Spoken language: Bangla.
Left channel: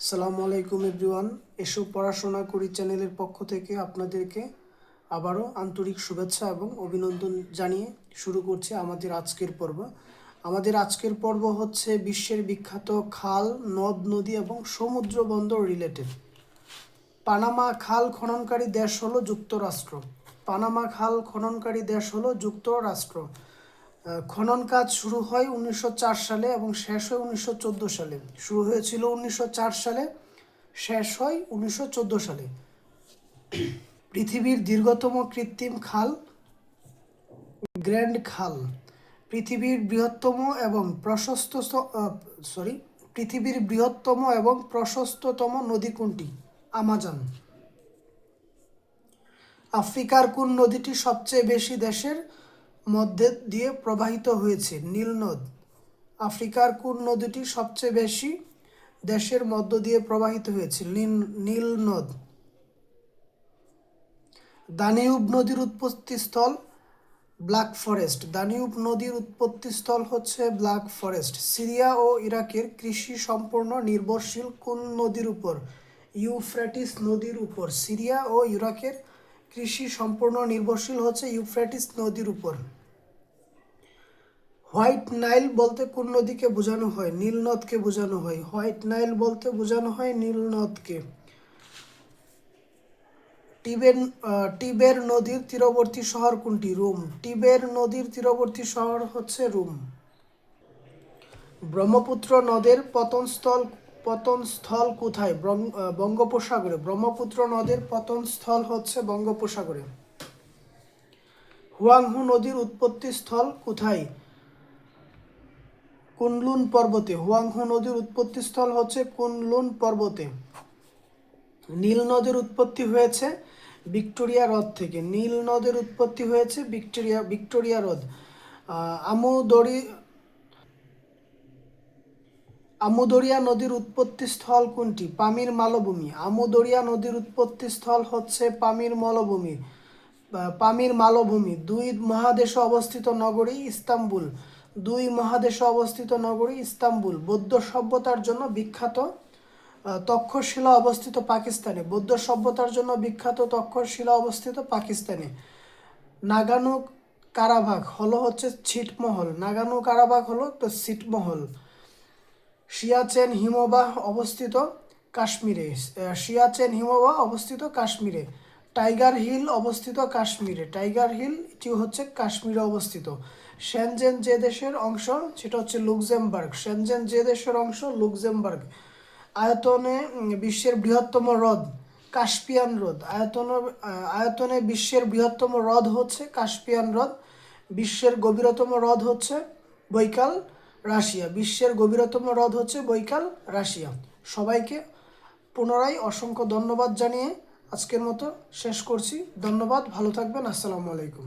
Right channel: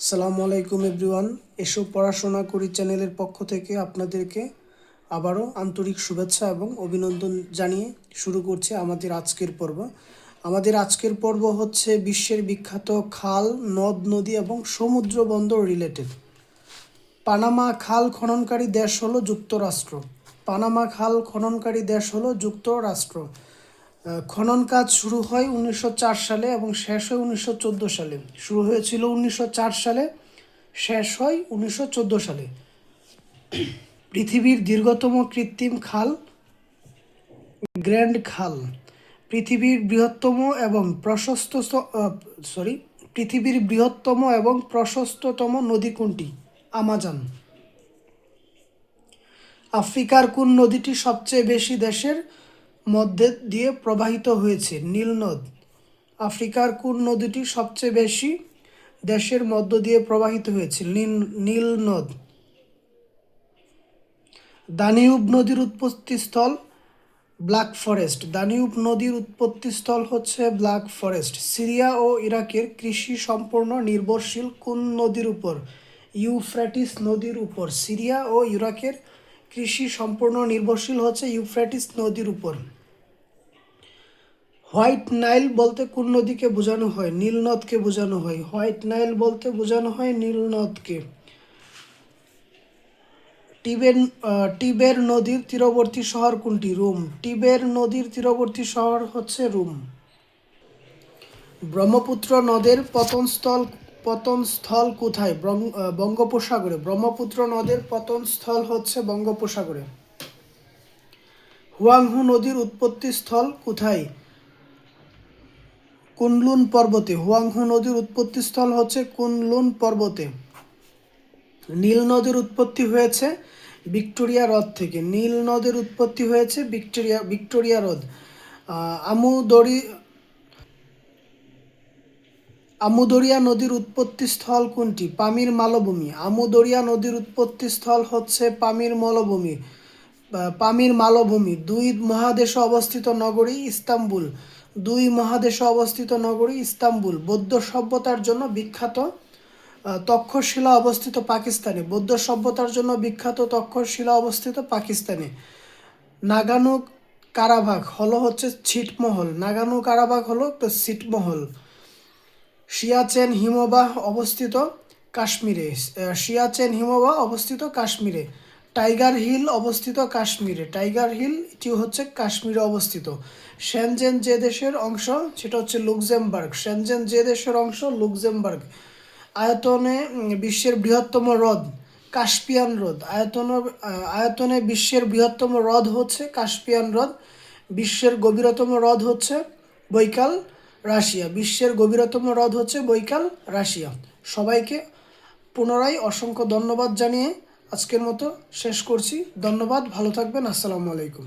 আসসালামু আলাইকুম এভরিওয়ান। এসো পড়াশোনা করি চ্যানেলের পক্ষ থেকে আপনাদেরকে আবারও আন্তরিক শুভেচ্ছা এবং অভিনন্দন জানিয়ে শুরু করছে আমাদের আজকের পর্ব। আমাদের আজকের পর্ব হচ্ছে বিশ্বের বিখ্যাত খাল, নদ নদী এবং সমুদ্র বন্দর রিলেটেড। পানামা খাল খননকারী দেশ হলো যুক্তরাষ্ট্র। পানামা খাল খননকারী দেশ হলো যুক্তরাষ্ট্র। খনন কাজ শুরু হয় 1904 সালে এবং শেষ হয় 1914 সালে। শুরু হয়েছিল 1904 সালে, শেষ হয় 1914 সালে। পৃথিবীর দীর্ঘতম কৃত্রিম খাল গ্র্যান্ড খাল। পৃথিবীর বৃহত্তম এবং পৃথিবীর বৃহত্তম এবং প্রশস্ততম নদী কোনটি? আমাজন। আফ্রিকার কোন নদীটি সবচেয়ে বেশি দেশের মধ্যে দিয়ে প্রবাহিত হয়েছে? নীল নদ। আফ্রিকার কোন নদীটি সবচেয়ে বেশি দেশের মধ্য দিয়ে প্রবাহিত হয়েছে? নীল নদ। দানিউব নদীর উৎপত্তিস্থল ব্ল্যাক ফরেস্ট। দানিউব নদীর উৎপত্তিস্থল হচ্ছে ব্ল্যাক ফরেস্ট। সিরিয়া ও ইরাকের কৃষি সম্পূর্ণ নির্ভরশীল কোন নদীর উপর? ইউফ্রেটিস নদীর উপর। সিরিয়া ও ইরাকের কৃষি সম্পূর্ণ নির্ভরশীল হচ্ছে ইউফ্রেটিস নদীর উপর। হোয়াইট নাইল বলতে কোন নদীকে বোঝানো হয়? নীল নদকে বোঝানো হয়। হোয়াইট নাইল বলতে বোঝানো হয় নীল নদকে। টিবের নদীর তীরবর্তী শহর কোনটি? রোম। টিবের নদীর তীরবর্তী শহর হচ্ছে রোম। ব্রহ্মপুত্র নদের পতনস্থল কোথায়? বঙ্গোপসাগরে। ব্রহ্মপুত্র নদের পতনস্থল হচ্ছে বঙ্গোপসাগরে। হুয়াংহু নদীর উৎপত্তিস্থল কোথায়? কুনলুন পর্বতে। হুয়াংহু নদীর উৎপত্তিস্থল হচ্ছে কুনলুন পর্বতে। নীল নদের উৎপত্তি হয়েছে ভিক্টোরিয়া হ্রদ থেকে। নীল নদের উৎপত্তি হয়েছে ভিক্টোরিয়া হ্রদ। আমুদরিয়া নদীর উৎপত্তিস্থল কোনটি? পামির মালভূমি। আমুদরিয়া নদীর উৎপত্তিস্থল হচ্ছে পামির মালভূমি। দুই মহাদেশে অবস্থিত নগরী ইস্তাম্বুল। দুই মহাদেশে অবস্থিত নগরী ইস্তাম্বুল। বৌদ্ধ সভ্যতার জন্য বিখ্যাত তক্ষশিলা অবস্থিত পাকিস্তানে। বৌদ্ধ সভ্যতার জন্য বিখ্যাত তক্ষশিলা অবস্থিত পাকিস্তানে। নাগানো কারাবাখ হলো হচ্ছে ছিটমহল। নাগানো কারাবাখ হলো ছিটমহল। সিয়াচেন হিমবাহ অবস্থিত কাশ্মীরে। সিয়াচেন হিমবাহ অবস্থিত কাশ্মীরে। টাইগার হিল অবস্থিত কাশ্মীরে। টাইগার হিল এটি হচ্ছে কাশ্মীরে অবস্থিত। শেনজেন যে দেশের অংশ সেটা হচ্ছে লুক্সেমবার্গ। শেনজেন যে দেশের অংশ লুক্সেমবার্গ। আয়তনে বিশ্বের বৃহত্তম হ্রদ কাস্পিয়ান হ্রদ। আয়তনে বিশ্বের বৃহত্তম হ্রদ হচ্ছে কাস্পিয়ান হ্রদ। বিশ্বের গভীরতম হ্রদ হচ্ছে বৈকাল রাশিয়া। বিশ্বের গভীরতম হ্রদ হচ্ছে বৈকাল রাশিয়া। সবাইকে পুনরায় অসংখ্য ধন্যবাদ জানিয়ে আজকের মতো শেষ করছি। ধন্যবাদ, ভালো থাকবেন। আসসালামু আলাইকুম।